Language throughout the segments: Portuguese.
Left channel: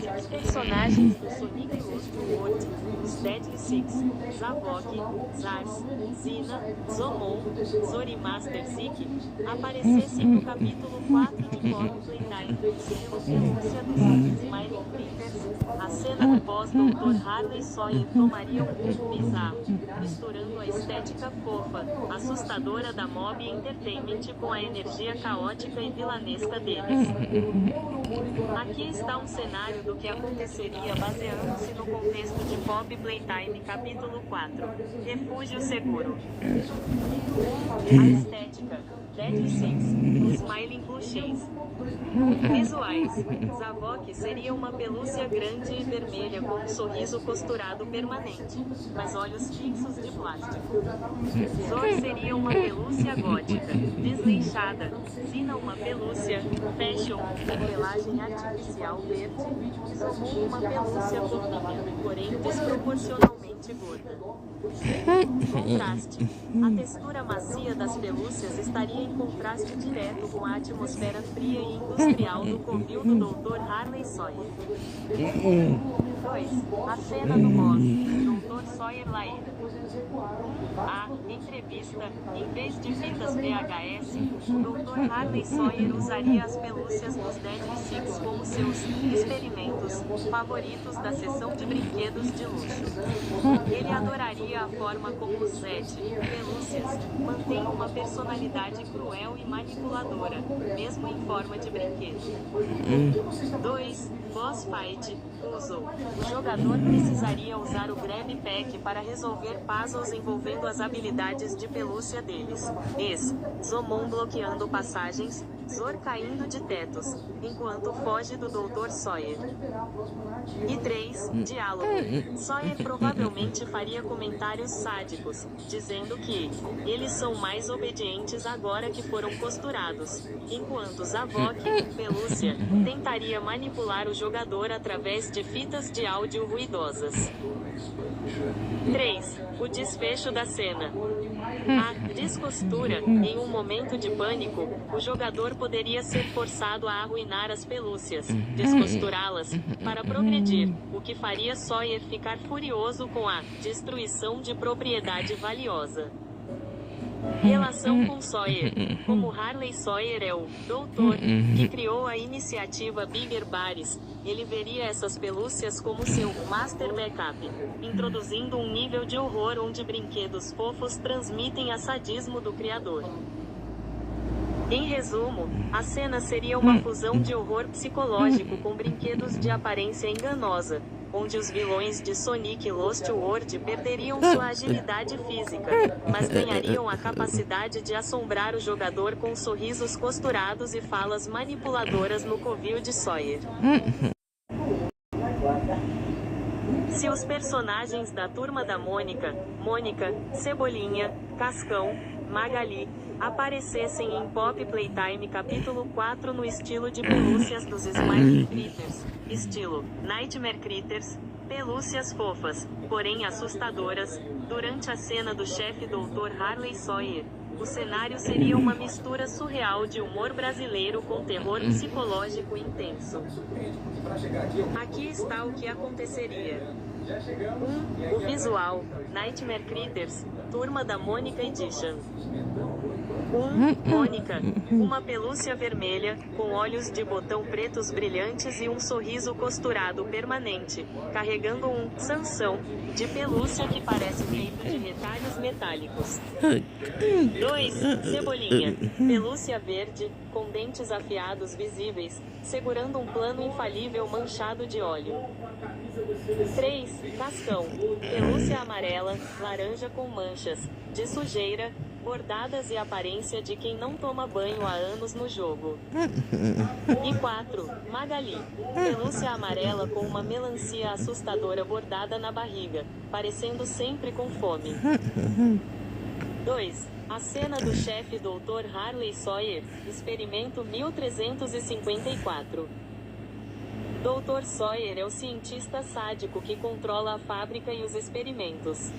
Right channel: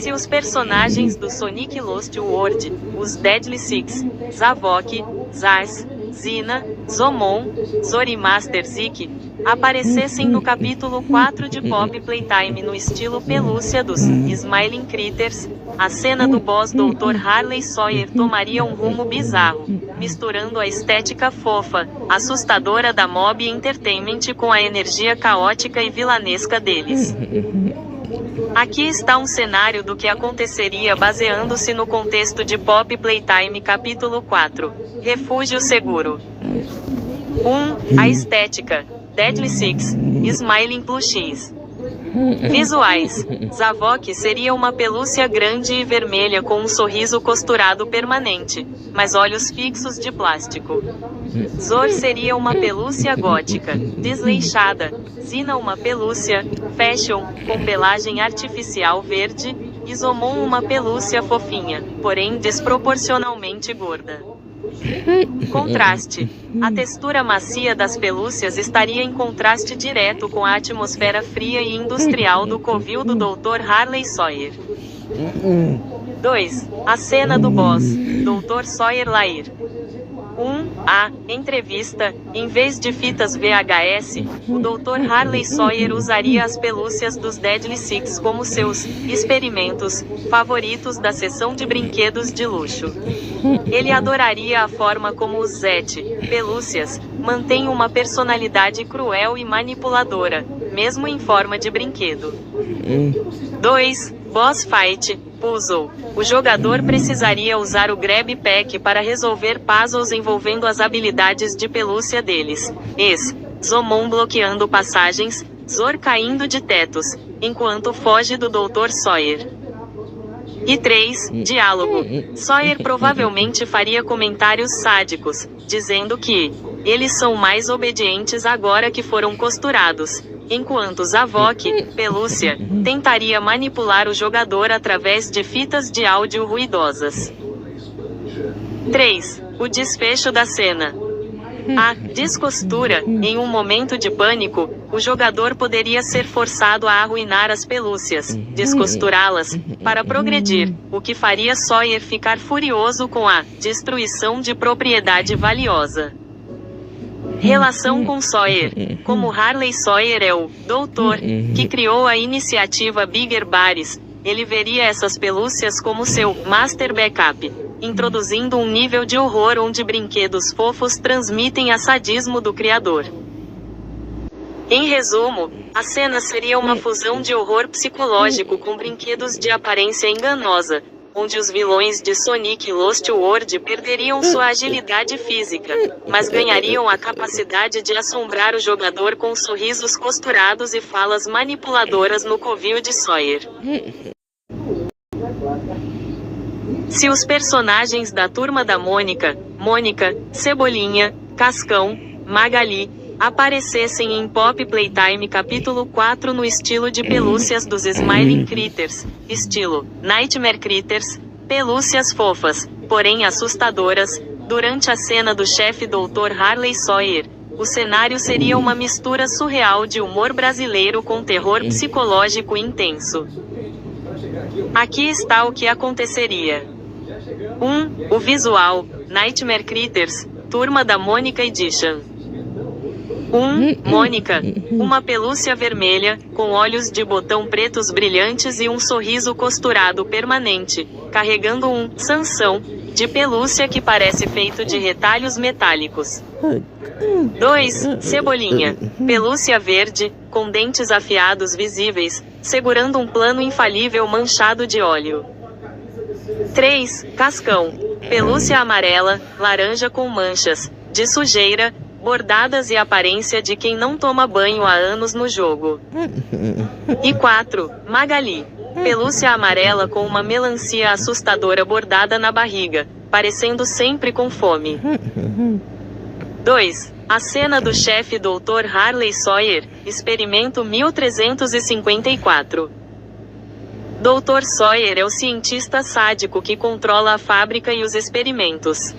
Se os personagens do Sonic Lost World, os Deadly Six, Zavok, Zaz, Zina, Zomon, Zorimaster Zik, aparecessem no capítulo 4 de Pop Playtime no estilo pelúcia dos Smiling Critters, a cena do boss Dr. Harley Sawyer tomaria um rumo bizarro, misturando a estética fofa, assustadora da Mob Entertainment com a energia caótica e vilanesca deles. Aqui está um cenário do que aconteceria baseando-se no contexto de Pop Playtime capítulo 4, Refúgio Seguro. 1. A estética, Deadly Six, Smiling Plushies. Visuais, Zavok seria uma pelúcia grande e vermelha com um sorriso costurado permanente, mas olhos fixos de plástico. Zor seria uma pelúcia gótica, desleixada. Zina uma pelúcia, fashion, com pelagem artificial verde, e Zomon uma pelúcia fofinha, porém desproporcionalmente gorda. Contraste. A textura macia das pelúcias estaria em contraste direto com a atmosfera fria e industrial do covil do Dr. Harley Sawyer. 2. A cena do boss, Dr. Sawyer Lair. 1. Entrevista. Em vez de fitas VHS, o Dr. Harley Sawyer usaria as pelúcias dos Deadly Six como seus experimentos favoritos da seção de brinquedos de luxo. Ele adoraria a forma como os Zet, pelúcias, mantêm uma personalidade cruel e manipuladora, mesmo em forma de brinquedo. 2. Boss Fight, Puzzle. O jogador precisaria usar o Grab Pack para resolver puzzles envolvendo as habilidades de pelúcia deles. Zomon bloqueando passagens, Zor caindo de tetos, enquanto foge do Dr. Sawyer. E 3. Diálogo. Sawyer provavelmente faria comentários sádicos, dizendo que eles são mais obedientes agora que foram costurados, enquanto Zavok, pelúcia, tentaria manipular o jogador através de fitas de áudio ruidosas. 3. O desfecho da cena. A descostura. Em um momento de pânico, o jogador poderia ser forçado a arruinar as pelúcias, descosturá-las, para progredir, o que faria Sawyer ficar furioso com a destruição de propriedade valiosa. Relação com Sawyer. Como Harley Sawyer é o doutor que criou a iniciativa Bigger Bares, ele veria essas pelúcias como seu master backup, introduzindo um nível de horror onde brinquedos fofos transmitem a sadismo do criador. Em resumo, a cena seria uma fusão de horror psicológico com brinquedos de aparência enganosa, onde os vilões de Sonic Lost World perderiam sua agilidade física, mas ganhariam a capacidade de assombrar o jogador com sorrisos costurados e falas manipuladoras no covil de Sawyer. Se os personagens da Turma da Mônica, Cebolinha, Cascão, Magali, aparecessem em Pop Playtime capítulo 4 no estilo de pelúcias dos Smiling Critters, estilo Nightmare Critters, pelúcias fofas, porém assustadoras, durante a cena do chefe Dr. Harley Sawyer, o cenário seria uma mistura surreal de humor brasileiro com terror psicológico intenso. Aqui está o que aconteceria. 1. O visual, Nightmare Critters, Turma da Mônica Edition. 1. Mônica, uma pelúcia vermelha, com olhos de botão pretos brilhantes e um sorriso costurado permanente, carregando um Sansão de pelúcia que parece feito de retalhos metálicos. 2. Cebolinha, pelúcia verde, com dentes afiados visíveis, segurando um plano infalível manchado de óleo. 3. Cascão, pelúcia amarela, laranja com manchas de sujeira, bordadas e aparência de quem não toma banho há anos no jogo. E 4. Magali, pelúcia amarela com uma melancia assustadora bordada na barriga, parecendo sempre com fome. 2. A cena do chefe Dr. Harley Sawyer, experimento 1354. Dr. Sawyer é o cientista sádico que controla a fábrica e os experimentos.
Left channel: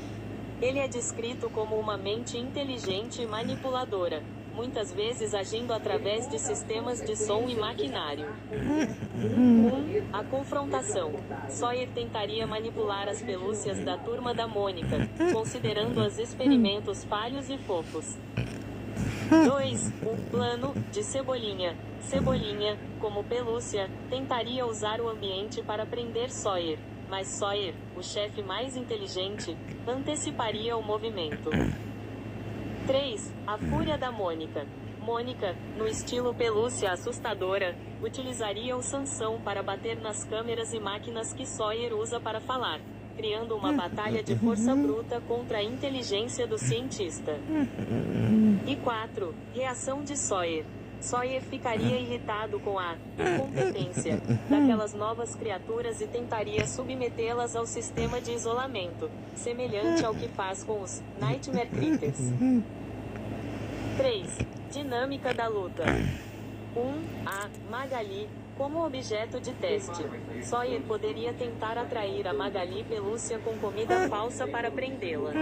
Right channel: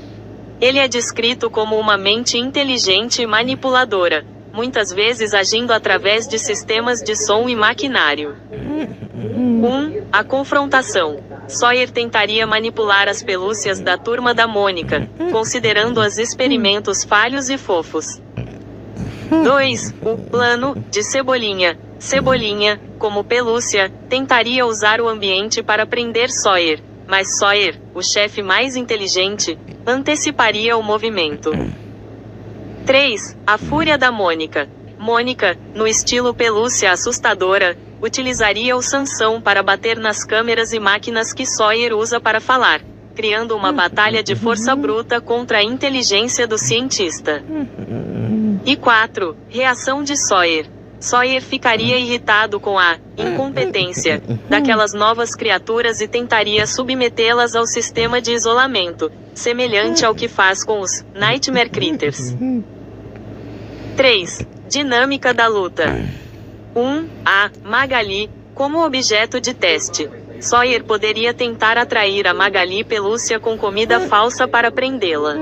Ele é descrito como uma mente inteligente e manipuladora, muitas vezes agindo através de sistemas de som e maquinário. 1. A confrontação. Sawyer tentaria manipular as pelúcias da Turma da Mônica, considerando-as experimentos falhos e fofos. 2. O plano de Cebolinha. Cebolinha, como pelúcia, tentaria usar o ambiente para prender Sawyer, mas Sawyer, o chefe mais inteligente, anteciparia o movimento. 3. A fúria da Mônica. Mônica, no estilo pelúcia assustadora, utilizaria o Sansão para bater nas câmeras e máquinas que Sawyer usa para falar, criando uma batalha de força bruta contra a inteligência do cientista. E 4. Reação de Sawyer. Sawyer ficaria irritado com a incompetência daquelas novas criaturas e tentaria submetê-las ao sistema de isolamento, semelhante ao que faz com os Nightmare Critters. 3. Dinâmica da luta. 1. A Magali, como objeto de teste. Sawyer poderia tentar atrair a Magali pelúcia com comida falsa para prendê-la.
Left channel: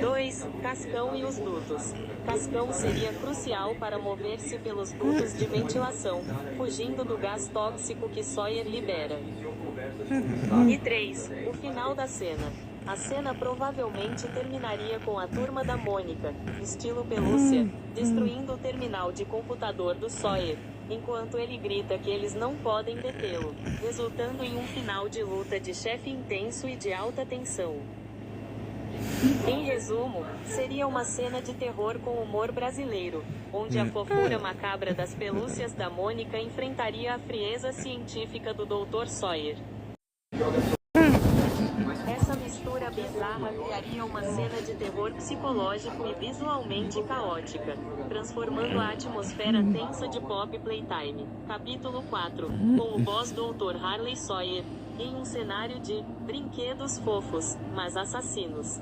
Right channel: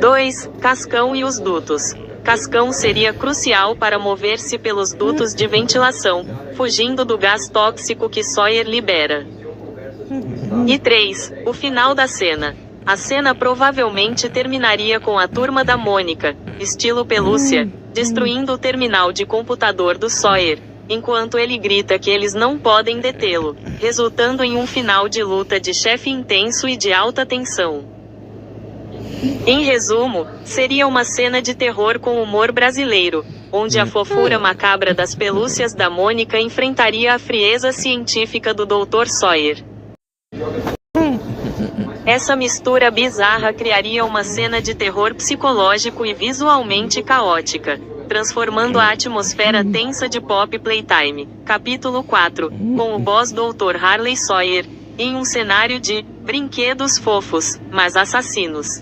2. Cascão e os dutos. Cascão seria crucial para mover-se pelos dutos de ventilação, fugindo do gás tóxico que Sawyer libera. E 3. O final da cena. A cena provavelmente terminaria com a Turma da Mônica, estilo pelúcia, destruindo o terminal de computador do Sawyer, enquanto ele grita que eles não podem detê-lo, resultando em um final de luta de chefe intenso e de alta tensão. Em resumo, seria uma cena de terror com humor brasileiro, onde a fofura macabra das pelúcias da Mônica enfrentaria a frieza científica do Dr. Sawyer. Essa mistura bizarra criaria uma cena de terror psicológico e visualmente caótica, transformando a atmosfera tensa de Pop Playtime, capítulo 4, com o boss Dr. Harley Sawyer, em um cenário de brinquedos fofos, mas assassinos.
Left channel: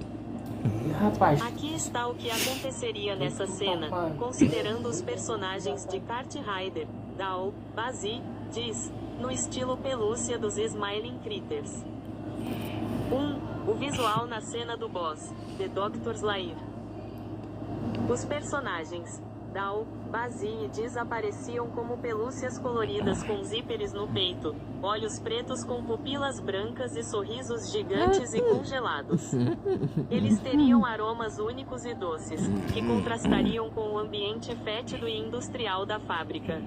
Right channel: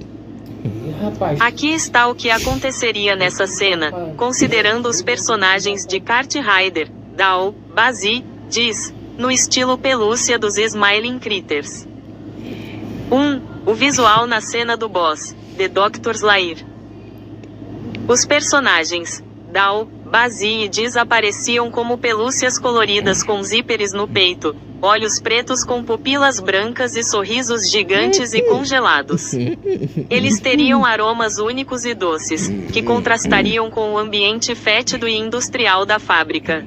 Aqui está o que aconteceria nessa cena, considerando os personagens de Kart Rider, Dal, Bazzi, Diz, no estilo pelúcia dos Smiling Critters. 1. O visual na cena do boss, The Dr. Slayer. Os personagens, Dal, Bazzi e Diz apareciam como pelúcias coloridas com zíperes no peito, olhos pretos com pupilas brancas e sorrisos gigantes e congelados. Eles teriam aromas únicos e doces, que contrastariam com o ambiente fétido e industrial da fábrica.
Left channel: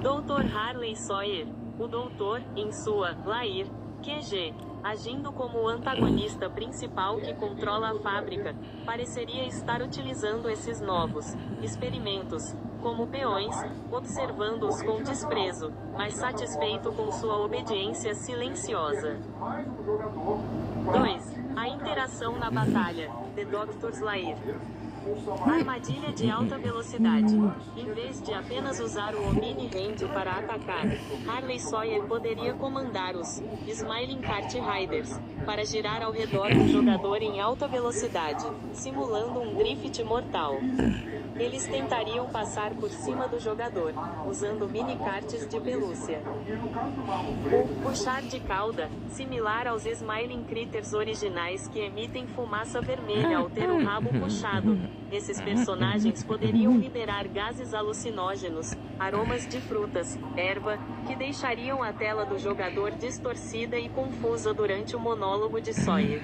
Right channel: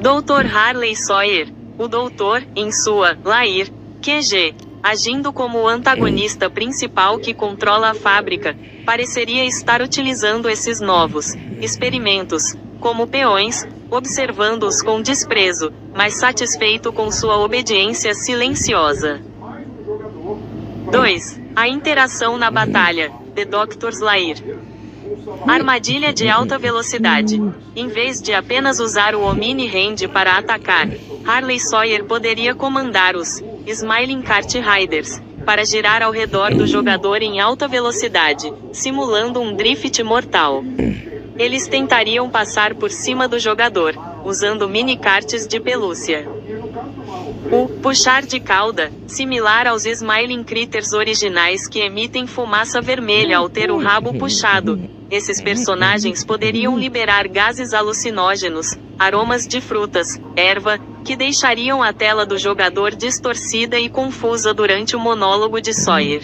Dr. Harley Sawyer, o doutor, em sua Lair QG, agindo como o antagonista principal que controla a fábrica, pareceria estar utilizando esses novos experimentos como peões, observando-os com desprezo, mas satisfeito com sua obediência silenciosa. 2. A interação na batalha, The Dr. Slayer. Armadilha de alta velocidade. Em vez de apenas usar o Omni Hand para atacar, Harley Sawyer poderia comandar os Smiling Kart Riders para girar ao redor do jogador em alta velocidade, simulando um drift mortal. Eles tentariam passar por cima do jogador, usando mini-karts de pelúcia. O puxar de cauda, similar aos Smiling Critters originais que emitem fumaça vermelha ao ter o rabo puxado. Esses personagens poderiam liberar gases alucinógenos, aromas de frutas, erva, que deixariam a tela do jogador distorcida e confusa durante o monólogo de Sawyer.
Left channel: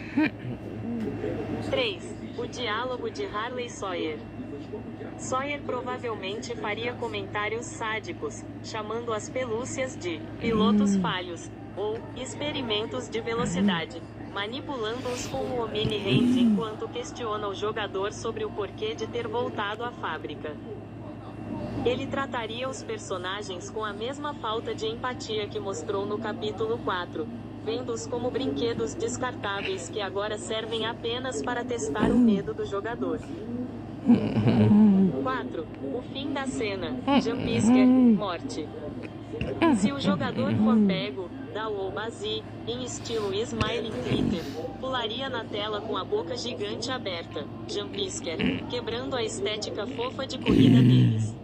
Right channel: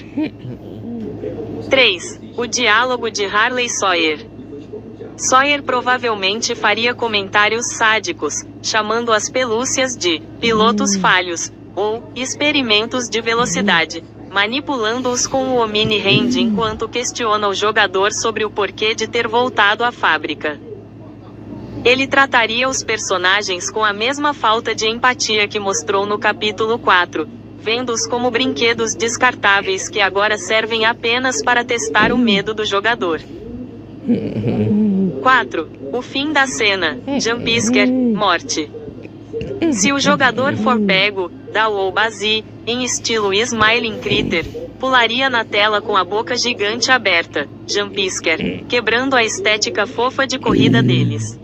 3. O diálogo de Harley Sawyer. Sawyer provavelmente faria comentários sádicos, chamando as pelúcias de pilotos falhos, ou experimentos de velocidade, manipulando-os com o Omni Hand enquanto questiona o jogador sobre o porquê de ter voltado à fábrica. Ele trataria os personagens com a mesma falta de empatia que mostrou no capítulo 4, vendo-os como brinquedos descartáveis que agora servem apenas para testar o medo do jogador. 4. O fim da cena, Jumpscare, morte. Se o jogador for pego, Dal ou Bazzi, em estilo Smiling Critter, pularia na tela com a boca gigante aberta, Jumpscare, quebrando a estética fofa de corrida deles.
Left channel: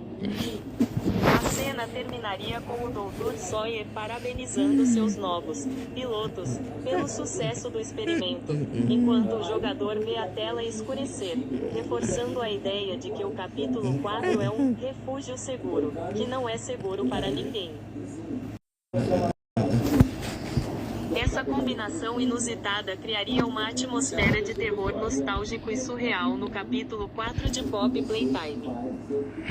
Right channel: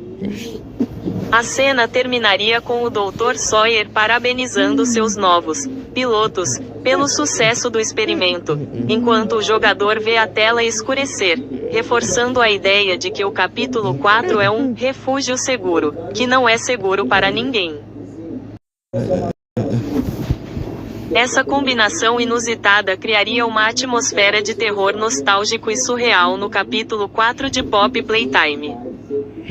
A cena terminaria com o Dr. Sawyer parabenizando seus novos pilotos pelo sucesso do experimento, enquanto o jogador vê a tela escurecer, reforçando a ideia de que o capítulo 4 é um refúgio seguro, que não é seguro para ninguém. Essa combinação inusitada criaria uma atmosfera de terror nostálgico e surreal no capítulo 4 de Pop Playtime.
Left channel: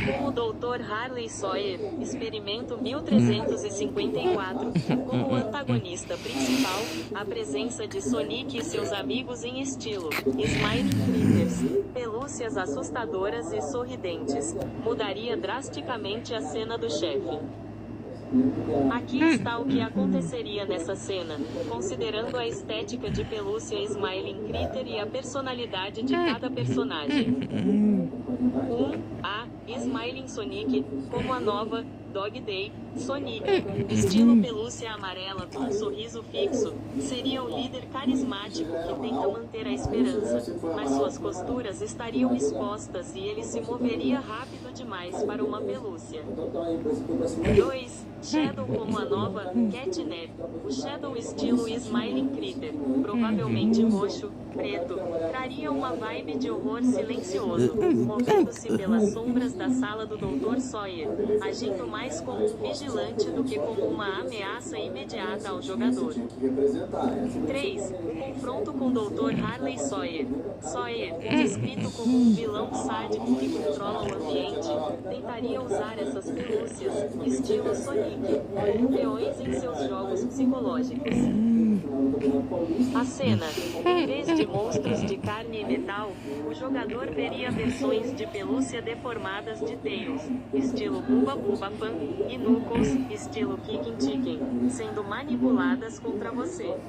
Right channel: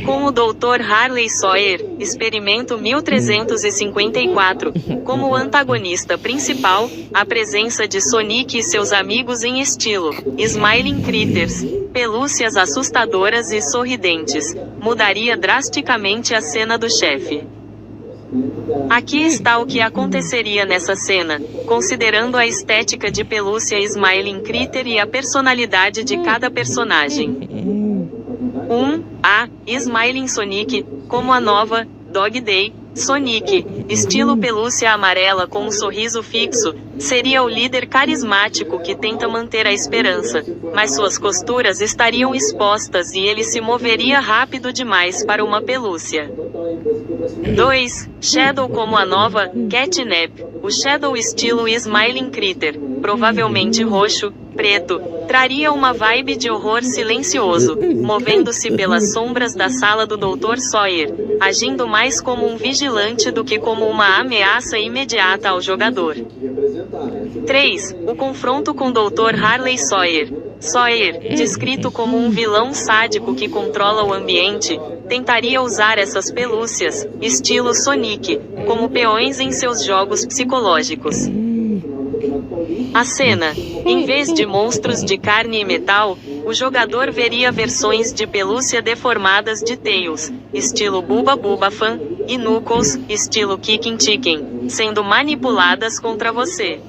Com o Dr. Harley Sawyer, Experimento 1354, como o antagonista principal, a presença de Sonic e seus amigos em estilo Smiling Critters, pelúcias assustadoras e sorridentes, mudaria drasticamente a cena do chefe. Aqui está o que aconteceria nessa cena, considerando a estética de pelúcia Smiling Critter e a personalidade de cada personagem. 1. Smiling Sonic, como a nova Dog Day Sonic, estilo pelúcia amarela com um sorriso fixo, seria o líder carismático que tenta manter a esperança, mas suas costuras estariam expostas e ele se moveria rápido demais para uma pelúcia. 2. Shadow como a nova Catnap, o Shadow estilo Smiling Critter, provavelmente roxo, preto, traria uma vibe de horror silencioso, movendo-se pelas sombras da sala do Dr. Sawyer, agindo mais como um vigilante do que como uma ameaça imediata ao jogador. 3. O confronto com Dr. Harley Sawyer. Sawyer, descrito como um vilão sádico que controla o ambiente, tentaria usar essas pelúcias, estilo Sonic, como peões em seus jogos psicológicos. A cena, em vez de monstros de carne e metal, o jogador veria versões de pelúcia deformadas de Tails, estilo Bubba Bubba Fan, e Knuckles, estilo Kicking Chicken, sendo manipuladas contra você.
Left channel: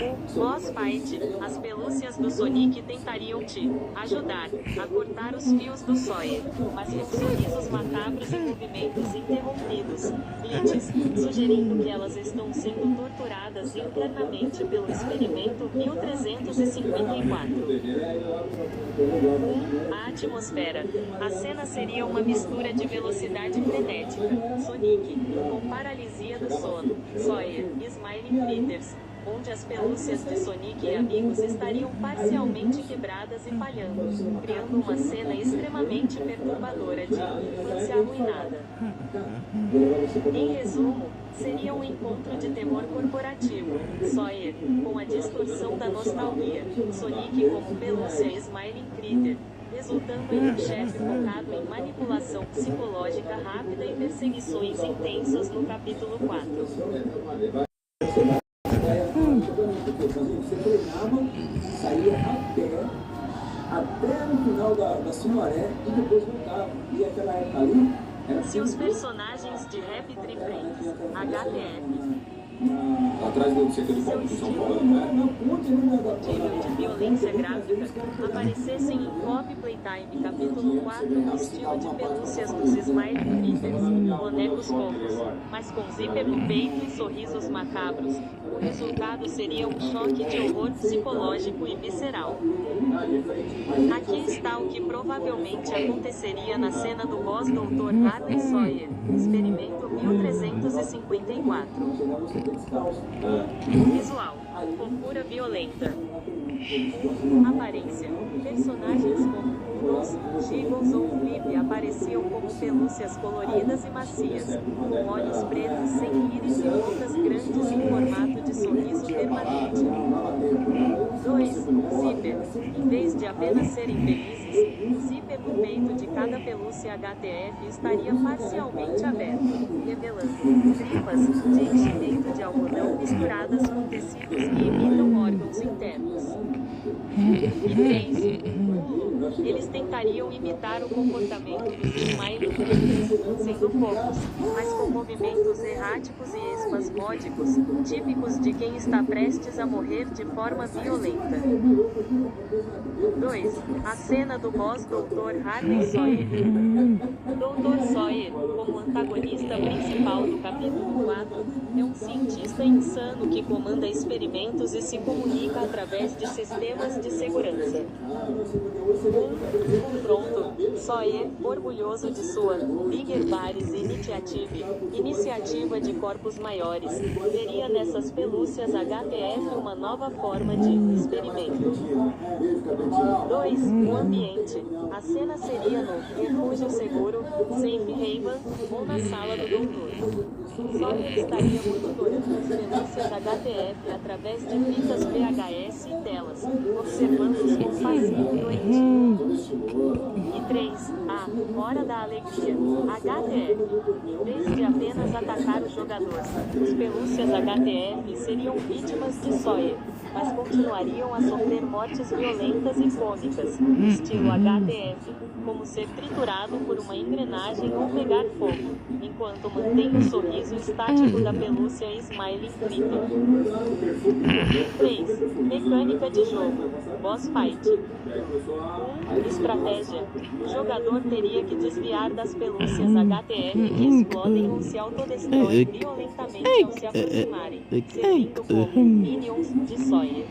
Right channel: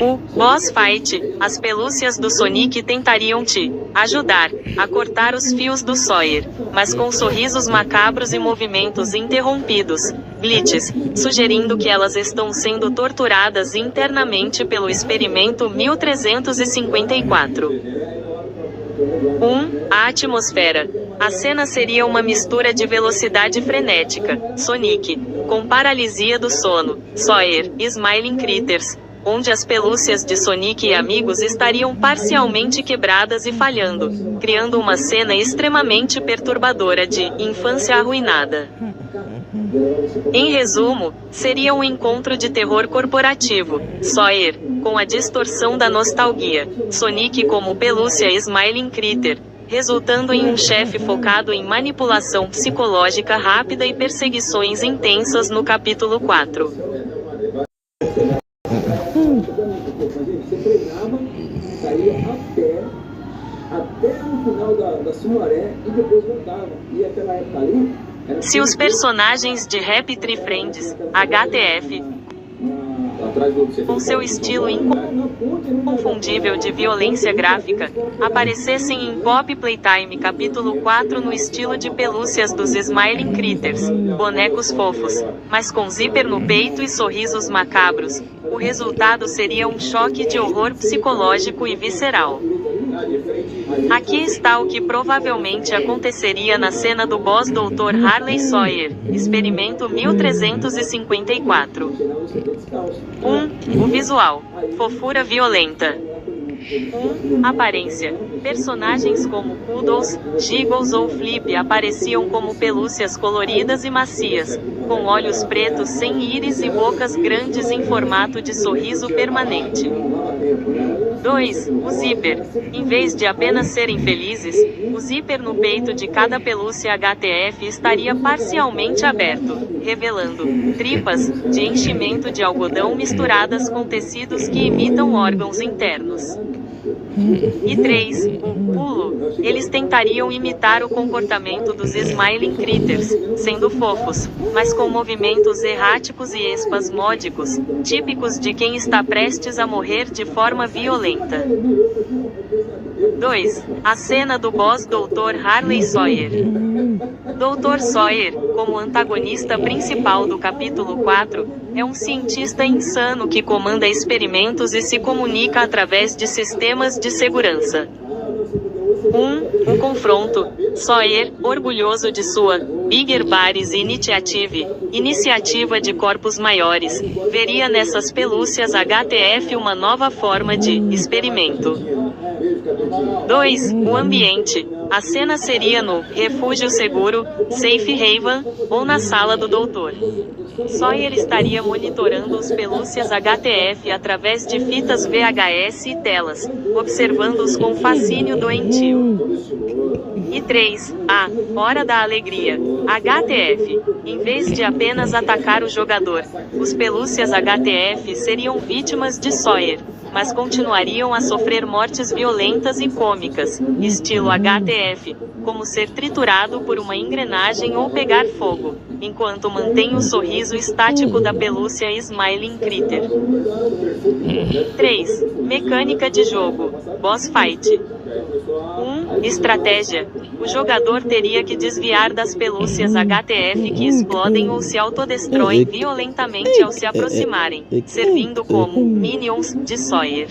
O Boss Fight, as pelúcias do Sonic tentariam te ajudar a cortar os fios do Sawyer, mas com sorrisos macabros e movimentos interrompidos, glitches, sugerindo que elas estão sendo torturadas internamente pelo experimento 1354. 1. A atmosfera. A cena seria uma mistura de velocidade frenética, Sonic, com paralisia do sono, Sawyer, Smiling Critters, onde as pelúcias de Sonic e amigos estariam parcialmente quebradas e falhando, criando uma cena extremamente perturbadora de infância arruinada. Em resumo, seria um encontro de terror corporativo, Sawyer, com a distorção da nostalgia, Sonic como pelúcia Smiling Critter, resultando em um chefe focado em manipulação psicológica rápida e perseguições intensas no capítulo 4. Se os personagens de Happy Tree Friends, HTF, com seu estilo inconfundível de violência gráfica, aparecessem em Pop Playtime capítulo 4 no estilo de pelúcias dos Smiling Critters, bonecos fofos, mas com zíper no peito e sorrisos macabros, o resultado seria um choque de horror psicológico e visceral. Aqui está o que provavelmente aconteceria na cena do boss Dr. Harley Sawyer, Experimento 1354. 1. Visual. Fofura violenta. 1. Aparência. Personagens como Poodles, Giggles ou Flip apareciam como pelúcias coloridas e macias, com olhos pretos sem íris e bocas grandes em formato de sorriso permanente. 2. O zíper. Em vez de apenas serem felizes, o zíper no peito de cada pelúcia HTF estaria parcialmente aberto, revelando tripas de enchimento de algodão misturadas com tecidos que imitam órgãos internos. E 3. Pulo. Eles tentariam imitar o comportamento dos Smiling Critters, sendo fofos, mas com movimentos erráticos e espasmódicos, típicos de quem está prestes a morrer de forma violenta. 2. A cena do boss Dr. Harley Sawyer. Dr. Sawyer, como antagonista principal do capítulo 4, é um cientista insano que comanda experimentos e se comunica através de sistemas de segurança. Um confronto. Sawyer, orgulhoso de sua Bigger Bodies Initiative, iniciativa de corpos maiores, veria nessas pelúcias HTF uma nova forma de experimento. 2. O ambiente. A cena seria no refúgio seguro, Safe Haven, ou na sala do doutor. Sawyer estaria monitorando os pelúcias HTF através de fitas VHS e telas, observando-os com fascínio doentio. E 3. A hora da alegria. HTF. Em vez de apenas atacar o jogador, os pelúcias HTF seriam vítimas de Sawyer, mas continuariam a sofrer mortes violentas e cômicas, estilo HTF, como ser triturado por uma engrenagem ou pegar fogo, enquanto mantém o sorriso estático da pelúcia Smiling Critter. 3. Mecânica de jogo. Boss Fight. 1. Estratégia. O jogador teria que desviar das pelúcias HTF que explodem ou se autodestroem violentamente ao se aproximarem, servindo como minions de Sawyer.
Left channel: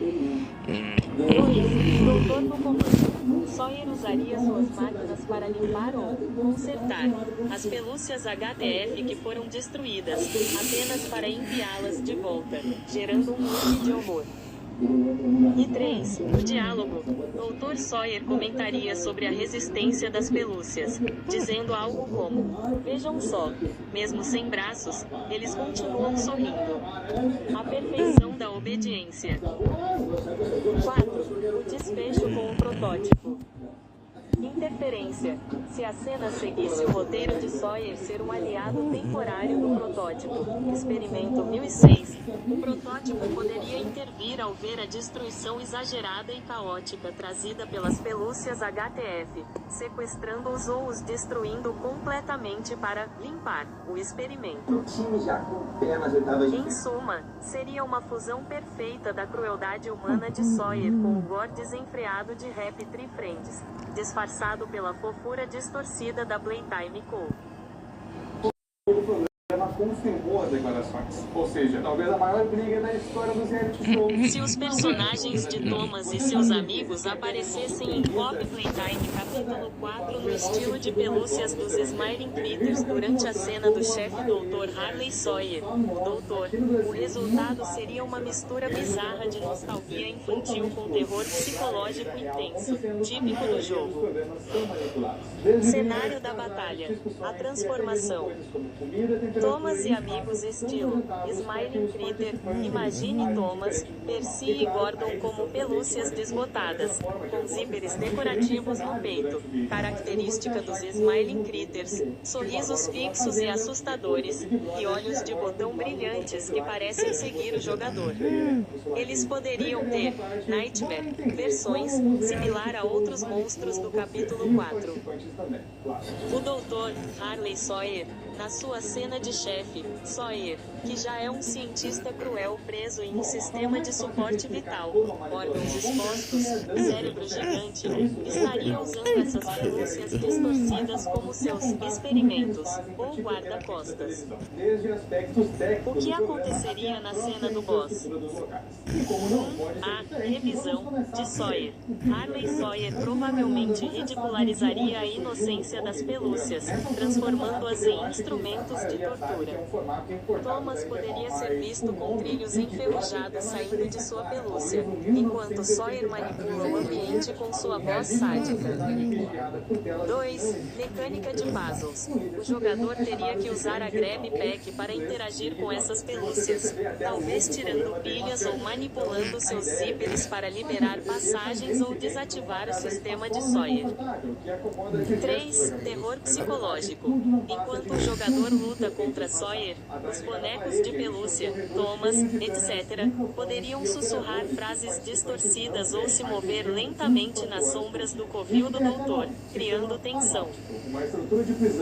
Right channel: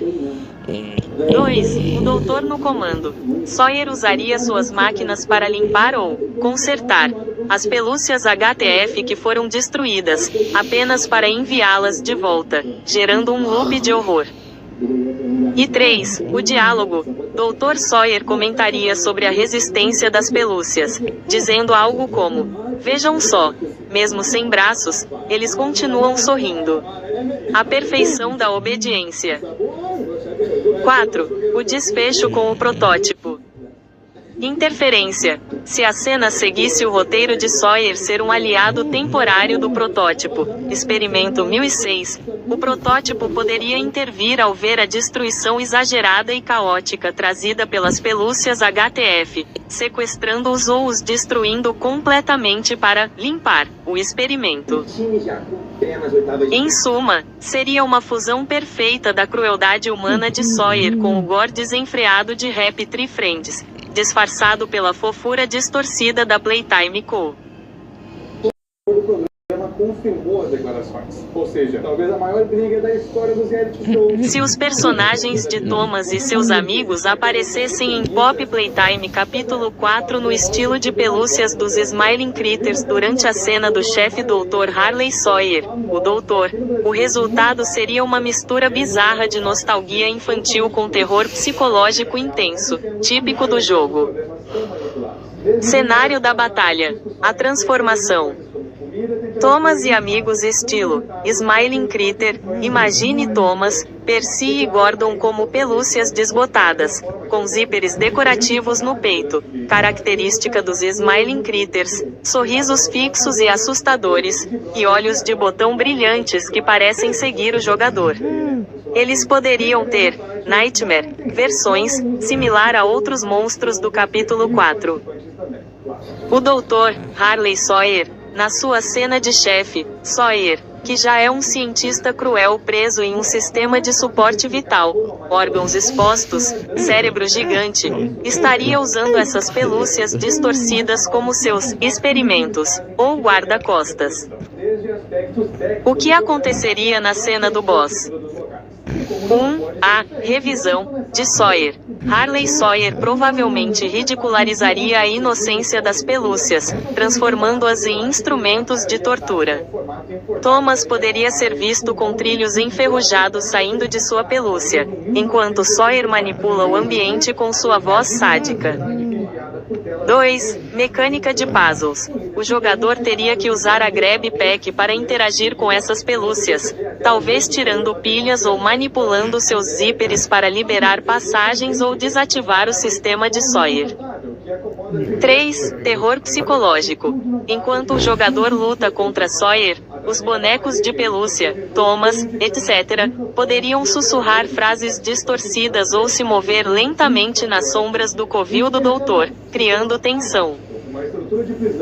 2. O doutor no comando. Sawyer usaria suas máquinas para limpar ou consertar as pelúcias HTF que foram destruídas, apenas para enviá-las de volta, gerando um loop de horror. E 3. O diálogo. Dr. Sawyer comentaria sobre a resistência das pelúcias, dizendo algo como: vejam só, mesmo sem braços, eles continuam sorrindo. A perfeição da obediência. 4. O desfecho com o protótipo. Interferência. Se a cena seguisse o roteiro de Sawyer ser um aliado temporário do protótipo, Experimento 1006, o protótipo poderia intervir ao ver a destruição exagerada e caótica trazida pelas pelúcias HTF, sequestrando-os ou os destruindo completamente para limpar o experimento. Em suma, seria uma fusão perfeita da crueldade humana de Sawyer com o gore desenfreado de Happy Tree Friends, disfarçado pela fofura distorcida da Playtime Co. Confirmou as declarações. Ou seja, talvez a maior briga da história dos reality shows. Se os personagens de Thomas e seus amigos aparecessem em Pop Playtime capítulo 4 no estilo de pelúcias dos Smiling Critters durante a cena do chefe Dr. Harley Sawyer, o doutor, o resultado seria uma mistura bizarra de nostalgia infantil com terror psicológico intenso, típico do jogo. Cenário da batalha. A transformação. Thomas e amigos estilo Smiling Critter. Imagine Thomas, Percy e Gordon como pelúcias desbotadas, com zíperes decorativos no peito, característica dos Smiling Critters, sorrisos fixos e assustadores, e olhos de botão brilhantes que parecem seguir o jogador. Eles poderiam ter Nightmare, versões similar a outros monstros do capítulo 4. O Dr. Harley Sawyer. Na sua cena de chefe, Sawyer, que já é um cientista cruel preso em um sistema de suporte vital, órgãos expostos, cérebro gigante, estaria usando essas pelúcias distorcidas como seus experimentos, ou guarda-costas. O que aconteceria na cena do boss? 1. A revisão de Sawyer. Harley Sawyer provavelmente ridicularizaria a inocência das pelúcias, transformando-as em instrumentos de tortura. Thomas poderia ser visto com trilhos enferrujados saindo de sua pelúcia, enquanto Sawyer manipula o ambiente com sua voz sádica. 2. Mecânica de puzzles. O jogador teria que usar a Grab Pack para interagir com essas pelúcias, talvez tirando pilhas ou manipulando seus zíperes para liberar passagens ou desativar o sistema de Sawyer. 3. Terror psicológico. Enquanto o jogador luta contra Sawyer, os bonecos de pelúcia, Thomas, etc., poderiam sussurrar frases distorcidas ou se mover lentamente nas sombras do covil do doutor, criando tensão.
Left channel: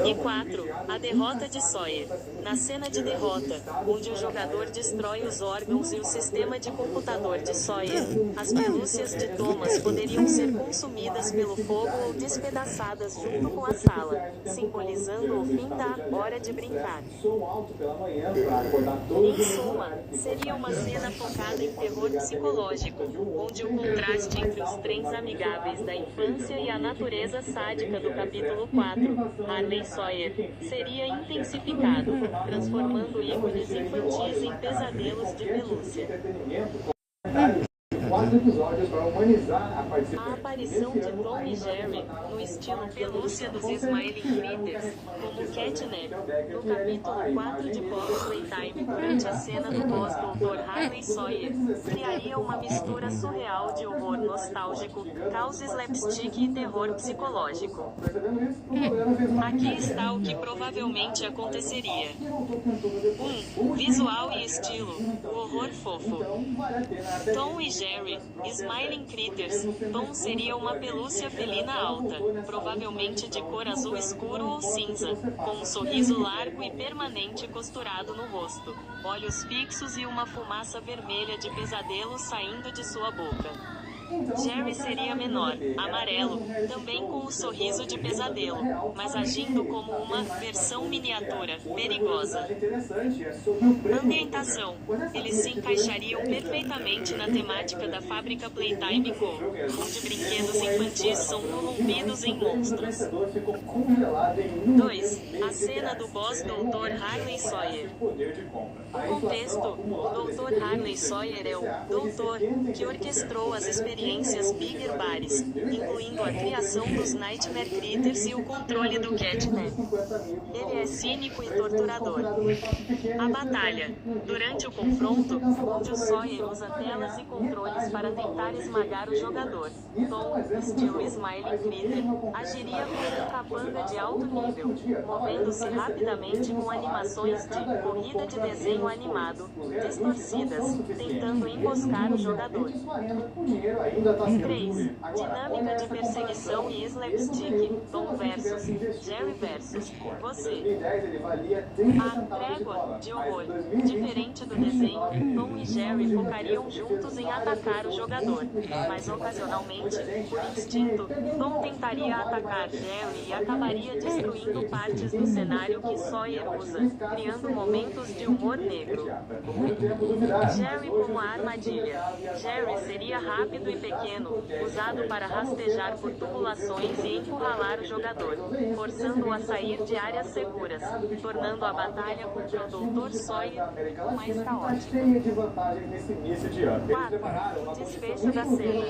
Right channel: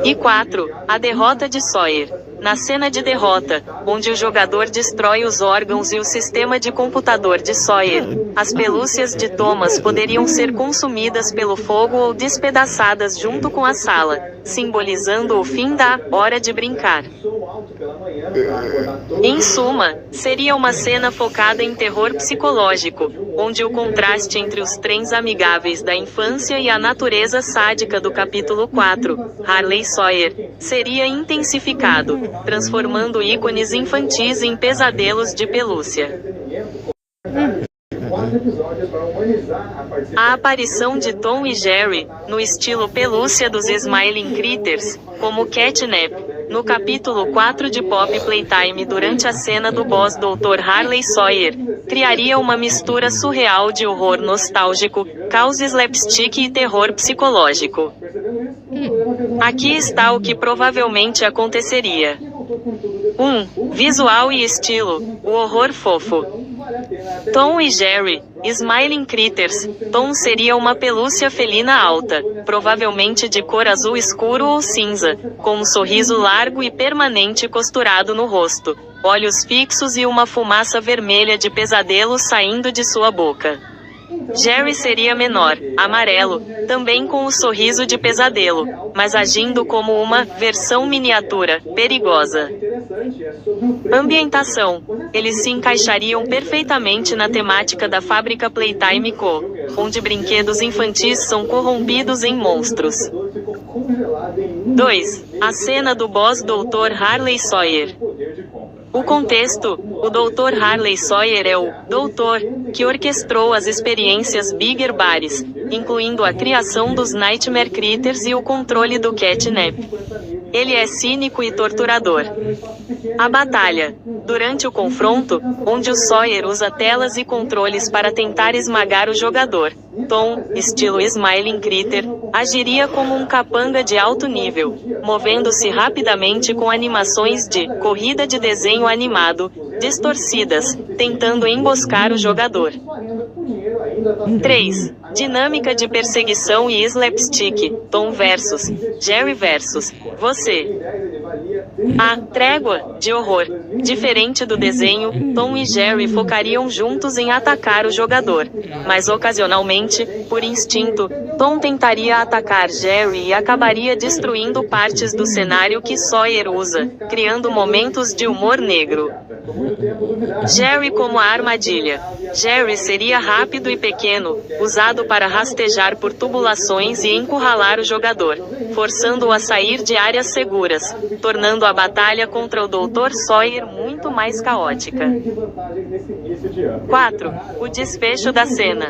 E 4. A derrota de Sawyer. Na cena de derrota, onde o jogador destrói os órgãos e o sistema de computador de Sawyer, as pelúcias de Thomas poderiam ser consumidas pelo fogo ou despedaçadas junto com a sala, simbolizando o fim da hora de brincar. Em suma, seria uma cena focada em terror psicológico, onde o contraste entre os trens amigáveis da infância e a natureza sádica do capítulo 4, Harley Sawyer, seria intensificado, transformando ícones infantis em pesadelos de pelúcia. A aparição de Tom e Jerry, no estilo pelúcia dos Smiling Critters, como Catnap, no capítulo 4 de Pop Playtime durante a cena do boss Dr. Harley Sawyer, criaria uma mistura surreal de horror nostálgico, caos slapstick e terror psicológico. Aqui está o que provavelmente aconteceria. 1. Visual e estilo, o horror fofo. Tom e Jerry, Smiling Critters. Tom seria uma pelúcia felina alta, provavelmente de cor azul escuro ou cinza, com um sorriso largo e permanente costurado no rosto, olhos fixos e uma fumaça vermelha de pesadelo saindo de sua boca. Jerry seria menor, amarelo, também com o sorriso de pesadelo, mas agindo como uma versão miniatura, perigosa. Ambientação. Eles se encaixariam perfeitamente na temática da fábrica Playtime Co., onde brinquedos infantis são corrompidos em monstros. 2. A cena do boss Dr. Harley Sawyer. O contexto: o Dr. Harley Sawyer é o doutor que orquestrou as experiências Bigger Bares, incluindo a criação dos Nightmare Critters e o controle do Catnap. Ele é cínico e torturador. A batalha. Durante o confronto, onde o Sawyer usa telas e controles para tentar esmagar o jogador, Tom, estilo Smiling Critter, agiria como um capanga de alto nível, movendo-se rapidamente com animações de corrida de desenho animado, distorcidas, tentando emboscar o jogador. 3. Dinâmica de perseguição e slapstick, Tom versus Jerry versus você. A trégua de horror. Diferente do desenho, Tom e Jerry focariam juntos em atacar o jogador, mas ocasionalmente, por instinto, Tom tentaria atacar Jerry e acabaria destruindo partes do cenário que Sawyer usa, criando momentos de humor negro. Jerry como a armadilha. Jerry seria rápido e pequeno, usado para rastejar por tubulações e encurralar o jogador, forçando-o a sair de áreas seguras, tornando a batalha contra o Dr. Sawyer muito mais caótica. 4. O desfecho da cena.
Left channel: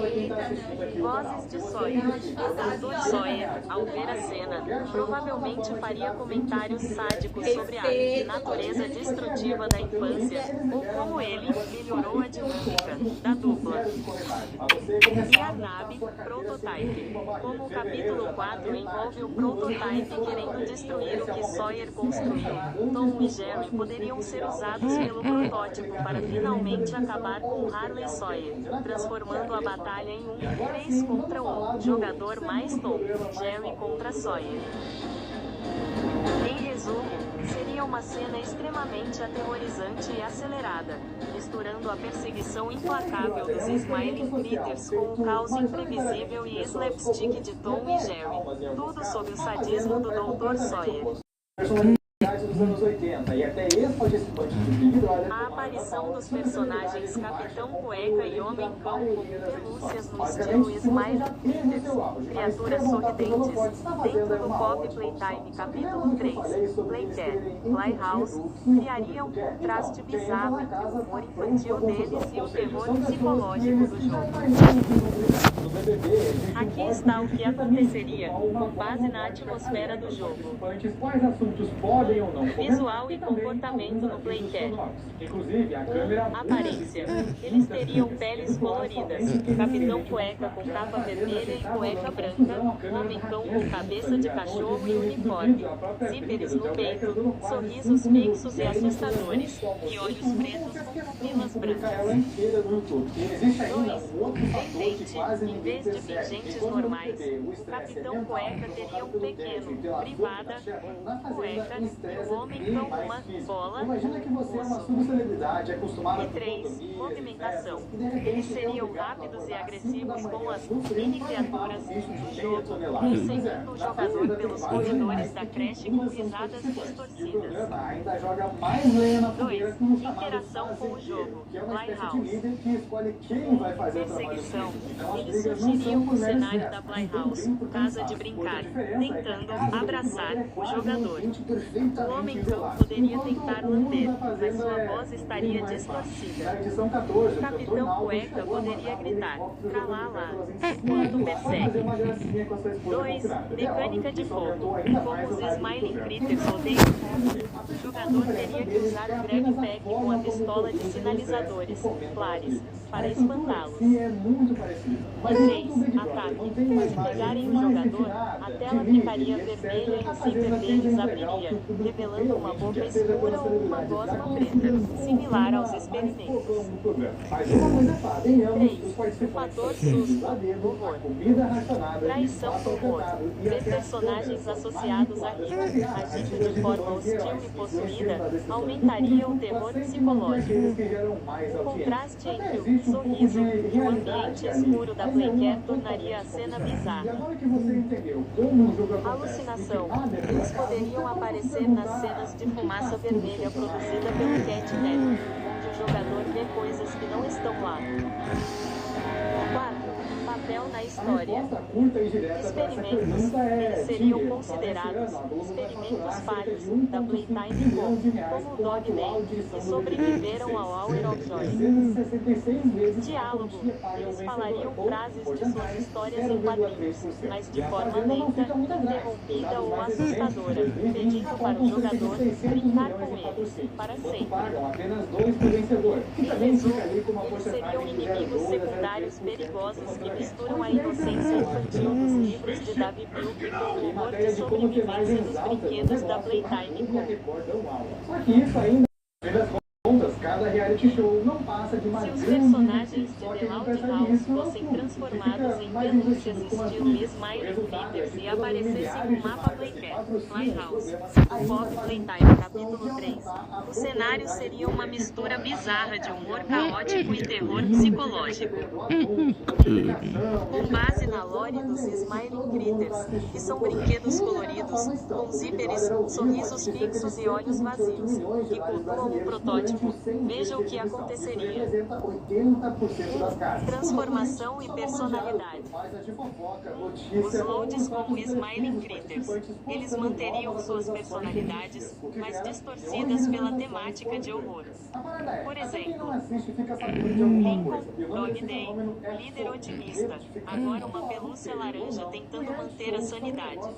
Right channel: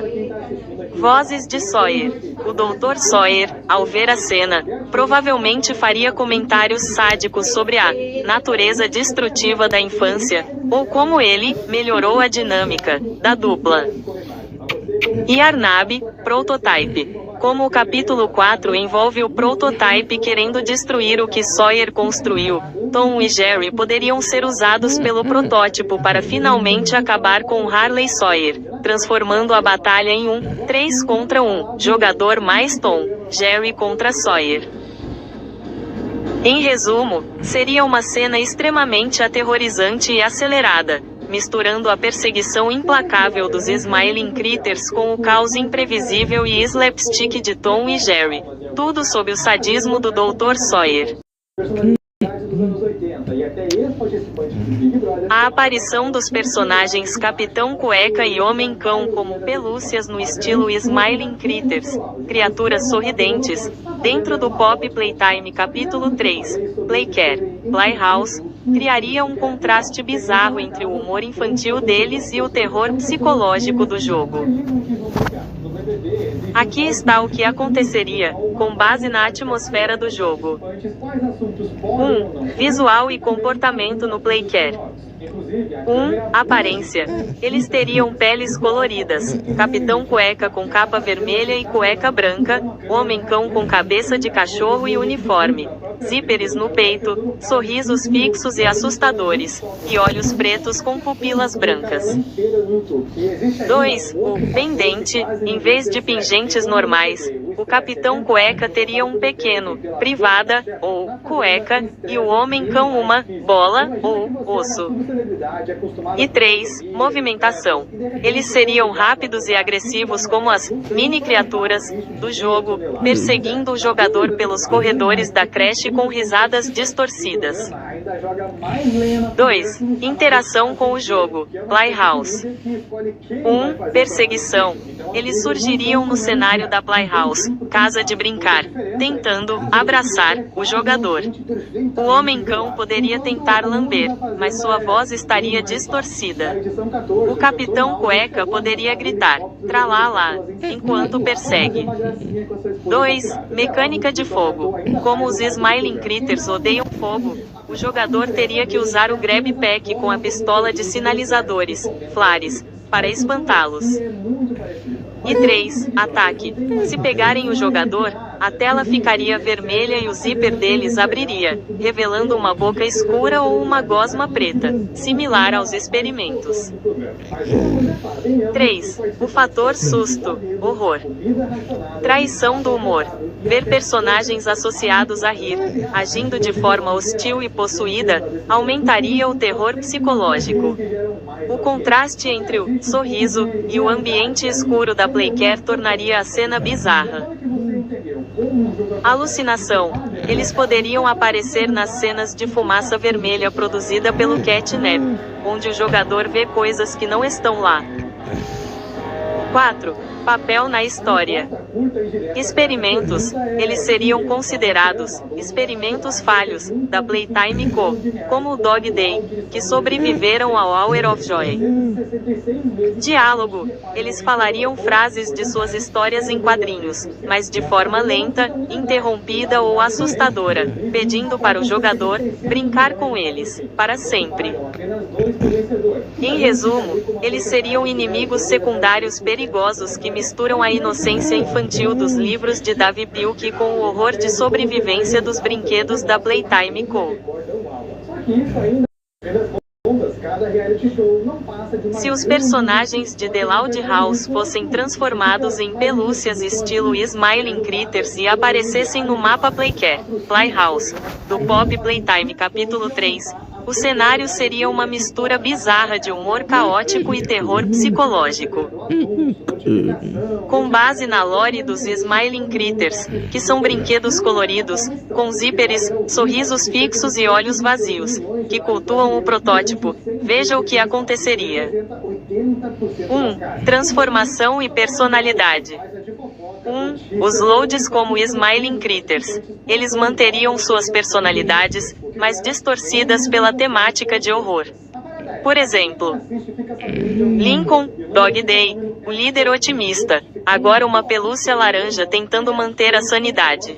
Vozes de Sawyer. O Dr. Sawyer, ao ver a cena, provavelmente faria comentários sádicos sobre a natureza destrutiva da infância, ou como ele melhorou a dinâmica da dupla. E Arnab, Prototype. Como o capítulo 4 envolve o Prototype querendo destruir o que Sawyer construiu, Tom e Jerry poderiam ser usados pelo protótipo para finalmente acabar com Harley Sawyer, transformando a batalha em um 3 contra 1, jogador mais Tom, Jerry contra Sawyer. Em resumo, seria uma cena extremamente aterrorizante e acelerada, misturando a perseguição implacável dos Smiling Critters com o caos imprevisível e slapstick de Tom e Jerry. Tudo sob o sadismo do Dr. Sawyer. A aparição dos personagens Capitão Cueca e Homem-Cão como pelúcias no estilo Smiling Critters, criaturas sorridentes, dentro do Pop Playtime capítulo 3, Playcare, Playhouse, criaria um contraste bizarro entre o humor infantil deles e o terror psicológico do jogo. Aqui está o que aconteceria, com base na atmosfera do jogo. 1. Visual e comportamento no Playcare. Aparência. Eles teriam peles coloridas. Capitão Cueca com capa vermelha e cueca branca. Homem-cão com cabeça de cachorro e uniforme. Zíperes no peito, sorrisos fixos e assustadores. E olhos pretos com pupilas brancas. 2. O pendente. Em vez de pingentes normais, o Capitão Cueca teria um pequeno, privada, ou cueca, e o homem-cão uma bola, ou osso. E 3. Movimentação. Eles seriam rápidos e agressivos como as mini-criaturas do jogo, perseguindo o jogador pelos corredores da creche com risadas distorcidas. 2. Interação com o jogo. Playhouse. 1. Perseguição. Eles surgiriam no cenário da Playhouse, casa de brincar, tentando abraçar o jogador. O homem-cão poderia tentar lamber, mas sua voz estaria distorcida. O Capitão Cueca poderia gritar, tralalá, enquanto persegue. 2. Mecânica de fogo. Como os Smiling Critters odeiam fogo, o jogador teria que usar o Grab Pack com a pistola de sinalizadores, flares, para espantá-los. E 3. Ataque. Se pegarem o jogador, a tela ficaria vermelha e o zíper deles abriria, revelando uma boca escura ou uma gosma preta, similar aos experimentos. 3. O fator susto, horror. Traição do humor. Ver personagens associados a rir, agindo de forma hostil e possuída, aumentaria o terror psicológico. O contraste entre o sorriso e o ambiente escuro da Playcare tornaria a cena bizarra. Alucinação. Eles poderiam aparecer nas cenas de fumaça vermelha produzida pelo catnap, onde o jogador vê coisas que não estão lá. 4. Papel na história. Experimentos. Eles seriam considerados experimentos falhos da Playtime Co., como o Dog Day, que sobreviveram ao Hour of Joy. Diálogo. Eles falariam frases de suas histórias em quadrinhos, mas de forma lenta, interrompida ou assustadora, pedindo para o jogador brincar com eles, para sempre. Em resumo, eles seriam inimigos secundários perigosos que misturam a inocência infantil dos livros de Davi Pilkey com o horror de sobrevivência dos brinquedos da Playtime Co. Se os personagens de The Loud House fossem transformados em pelúcias estilo Smiling Critters e aparecessem no mapa Playcare, Playhouse, do Pop Playtime capítulo 3, o cenário seria uma mistura bizarra de humor caótico e terror psicológico. Com base na lore dos Smiling Critters, que são brinquedos coloridos, com zíperes, sorrisos fixos e olhos vazios, que cultuam o protótipo, veja o que aconteceria. 1. Transformação e personalidade. 1. Os loads como Smiling Critters. Eles manteriam suas personalidades, mas distorcidas pela temática de horror. Por exemplo, Lincoln, Dog Day, o líder otimista, agora uma pelúcia laranja tentando manter a sanidade.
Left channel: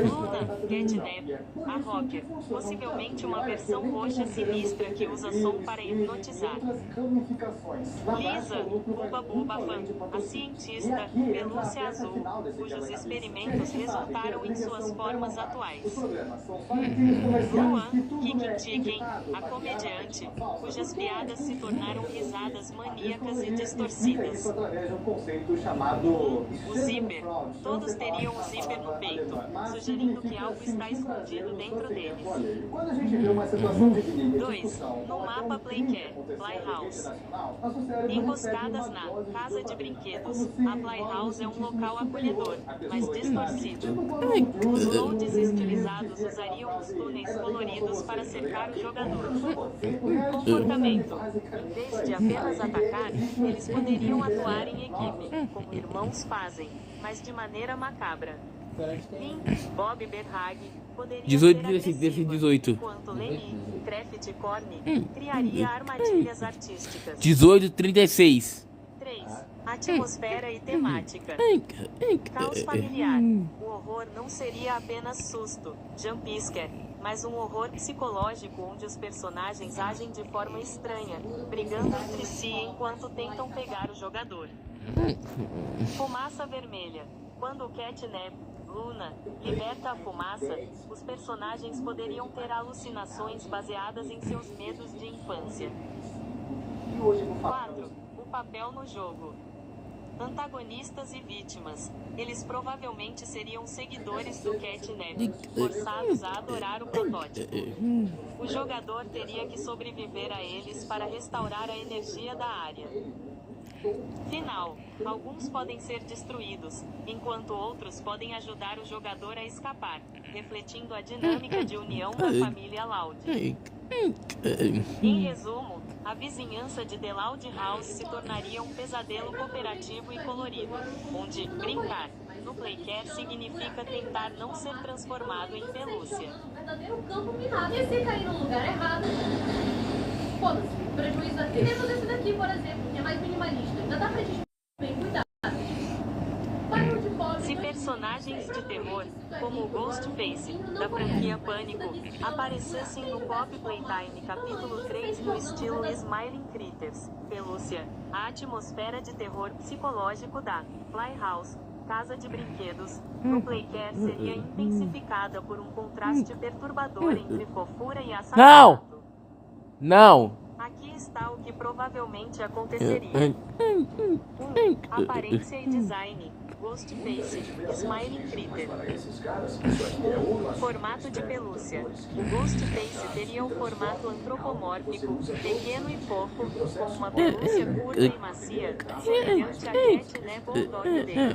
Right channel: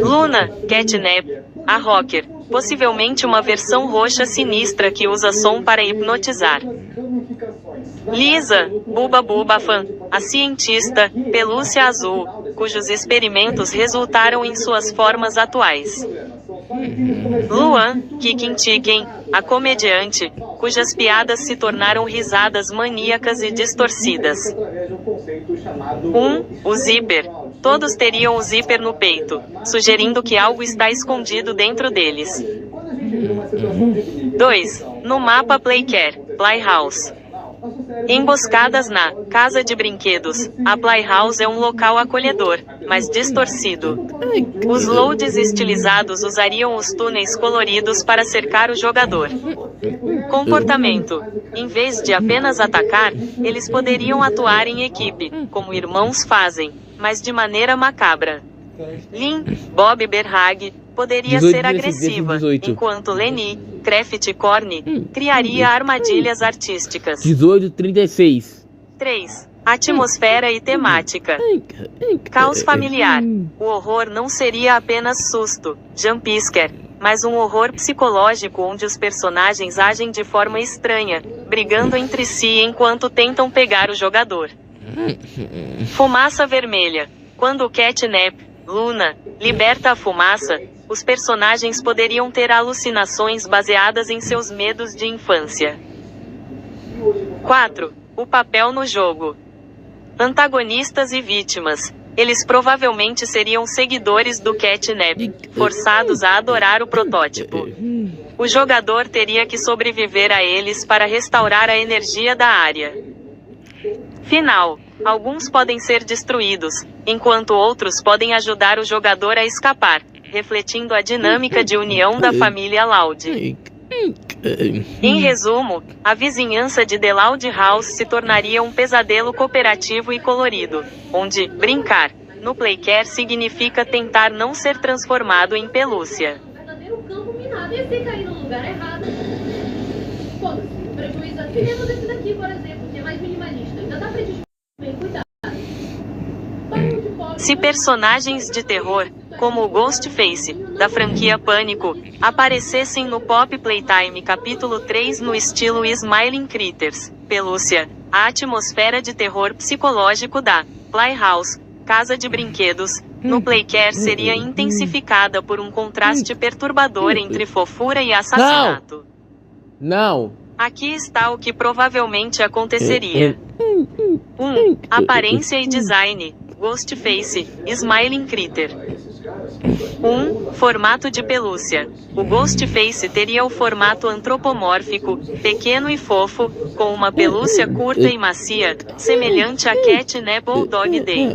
Luna, Catnap, a rocker, possivelmente uma versão roxa sinistra que usa som para hipnotizar. Lisa, Buba Buba Fan, a cientista, pelúcia azul, cujos experimentos resultaram em suas formas atuais. Luan, Kicking Chicken, a comediante, cujas piadas se tornaram risadas maníacas e distorcidas. 1. O zíper. Todos teriam o zíper no peito, sugerindo que algo está escondido dentro deles. 2. No mapa Playcare, Playhouse. Emboscadas na casa de brinquedos, a Playhouse é um local acolhedor, mas distorcido. Os loads estilizados usariam os túneis coloridos para cercar o jogador. Comportamento. Em vez de apenas atacar, eles poderiam atuar em equipe, como irmãos fazem, mas de maneira macabra. Lynn, Bob Berhag, poderia 18, ser agressiva, 18. enquanto Lenny, Craft Corny, criaria armadilhas artísticas. 18:36. 3. Atmosfera e temática. Caos familiar. O horror não seria apenas susto, jumpscare, mas um horror psicológico onde os personagens agem de forma estranha, brigando entre si enquanto tentam pegar o jogador. Fumaça vermelha. Quando o Catnap, Luna, liberta a fumaça, os personagens poderiam ter alucinações baseadas em seus medos de infância. 4. O papel no jogo. Antagonistas e vítimas. Eles provavelmente seriam seguidores do Catnap, forçados a adorar o protótipo. O jogador teria que sobreviver a eles para restaurar a energia da área. Final. Alguns podem ser destruídos, enquanto outros podem ajudar o jogador a escapar, refletindo a dinâmica de união da família Loud. Em resumo, a vizinhança de The Loud House se tornaria um pesadelo cooperativo e colorido, onde brincar no Playcare significa tentar não ser transformado em pelúcia. Se personagens de terror, como o Ghostface, da franquia Pânico, aparecessem no Pop Playtime capítulo 3 no estilo Smiling Critters, pelúcia, a atmosfera de terror psicológico da Playhouse, casa de brinquedos, no Playcare seria intensificada por um contraste perturbador entre fofura e assassinato. Não! Aqui está o que provavelmente aconteceria. 1. Aparência e design. Ghostface, Smiling Critter. 1. Formato de pelúcia. O Ghostface teria o formato antropomórfico, pequeno e fofo, com uma pelúcia curta e macia, semelhante a Catnap ou Dog Day.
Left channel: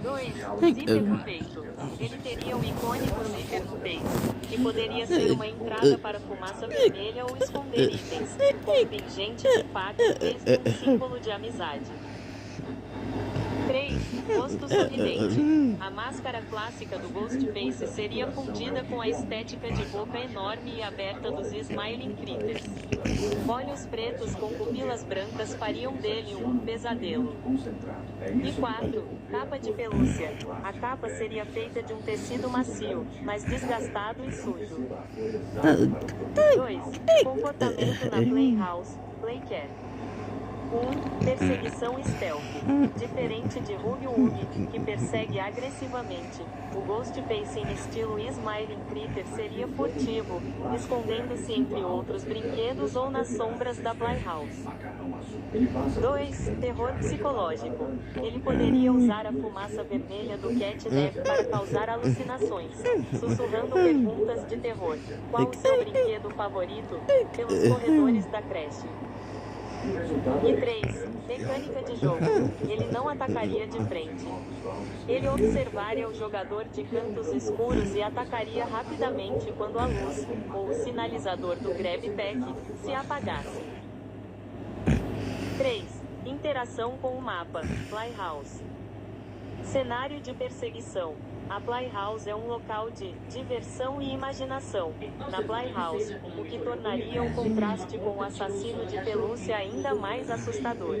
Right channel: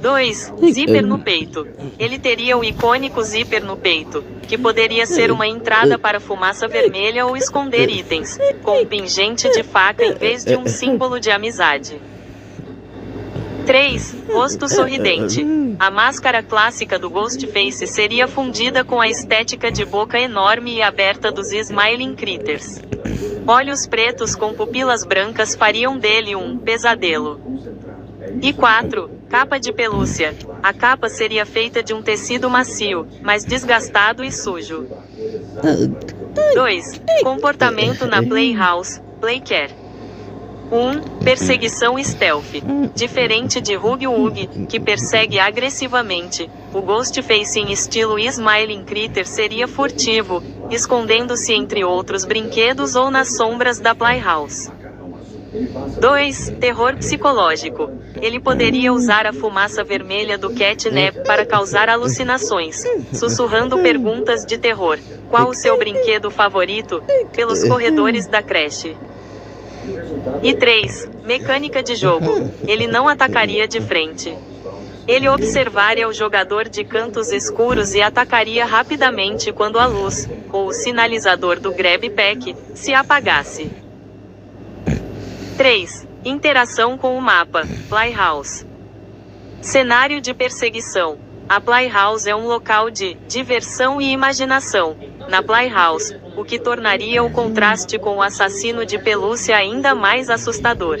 2. Zíper no peito. Ele teria o icônico zíper no peito, que poderia ser uma entrada para fumaça vermelha ou esconder itens, com um pingente de faca em vez de um símbolo de amizade. 3. Rosto sorridente. A máscara clássica do Ghostface seria fundida com a estética de boca enorme e aberta dos Smiling Critters. Olhos pretos com pupilas brancas fariam dele um pesadelo. E 4. Capa de pelúcia. A capa seria feita de um tecido macio, mas desgastado e sujo. 2. Comportamento na Playhouse, Playcare. 1. Perseguição stealth. Diferente de Huggy Wuggy, que persegue agressivamente, o Ghostface em estilo Smiling Critter seria furtivo, escondendo-se entre outros brinquedos ou nas sombras da Playhouse. 2. Terror psicológico. Ele poderia usar a fumaça vermelha do Catnap para causar alucinações, sussurrando perguntas de terror. Qual o seu brinquedo favorito? Pelos corredores da creche. E 3. Mecânica de jogo. Ele não atacaria de frente. Ele observaria o jogador de cantos escuros e atacaria rapidamente quando a luz, ou o sinalizador do Grab Pack, se apagasse. 3. Interação com o mapa, Playhouse. Cenário de perseguição. A Playhouse é um local de diversão e imaginação. Na Playhouse, o que tornaria o contraste com o assassino de pelúcia ainda mais assustador.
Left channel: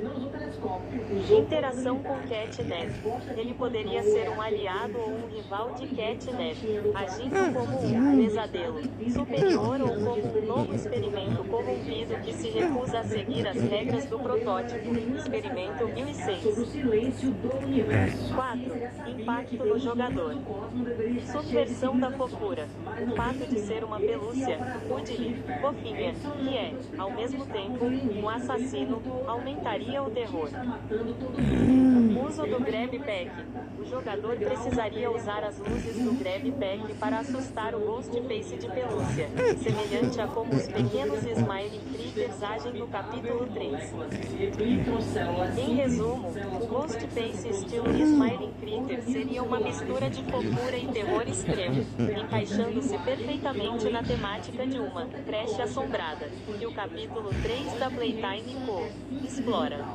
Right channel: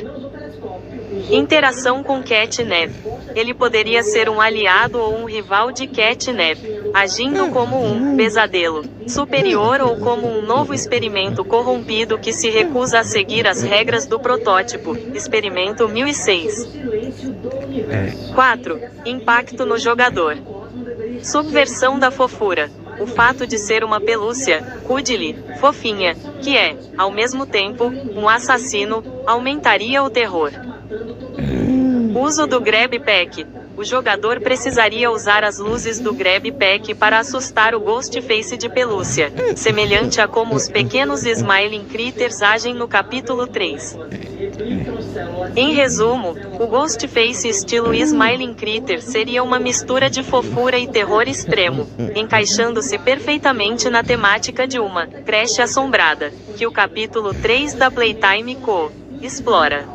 Interação com Catnap. Ele poderia ser um aliado ou um rival de Catnap, agindo como um pesadelo superior ou como um novo experimento corrompido que se recusa a seguir as regras do protótipo, Experimento 1006. 4. Impacto no jogador. Subversão da fofura. O fato de ser uma pelúcia, cuddly, fofinha, que é, ao mesmo tempo, um assassino, aumentaria o terror. Uso do Grab Pack. O jogador precisaria usar as luzes do Grab Pack para assustar o Ghostface de pelúcia, semelhante a como os pequenos Smiling Critters agem no capítulo 3. Em resumo, o Ghostface estilo Smiling Critter seria uma mistura de fofura e terror extremo, encaixando-se perfeitamente na temática de uma creche assombrada, que o capítulo 3 da Playtime Co. explora.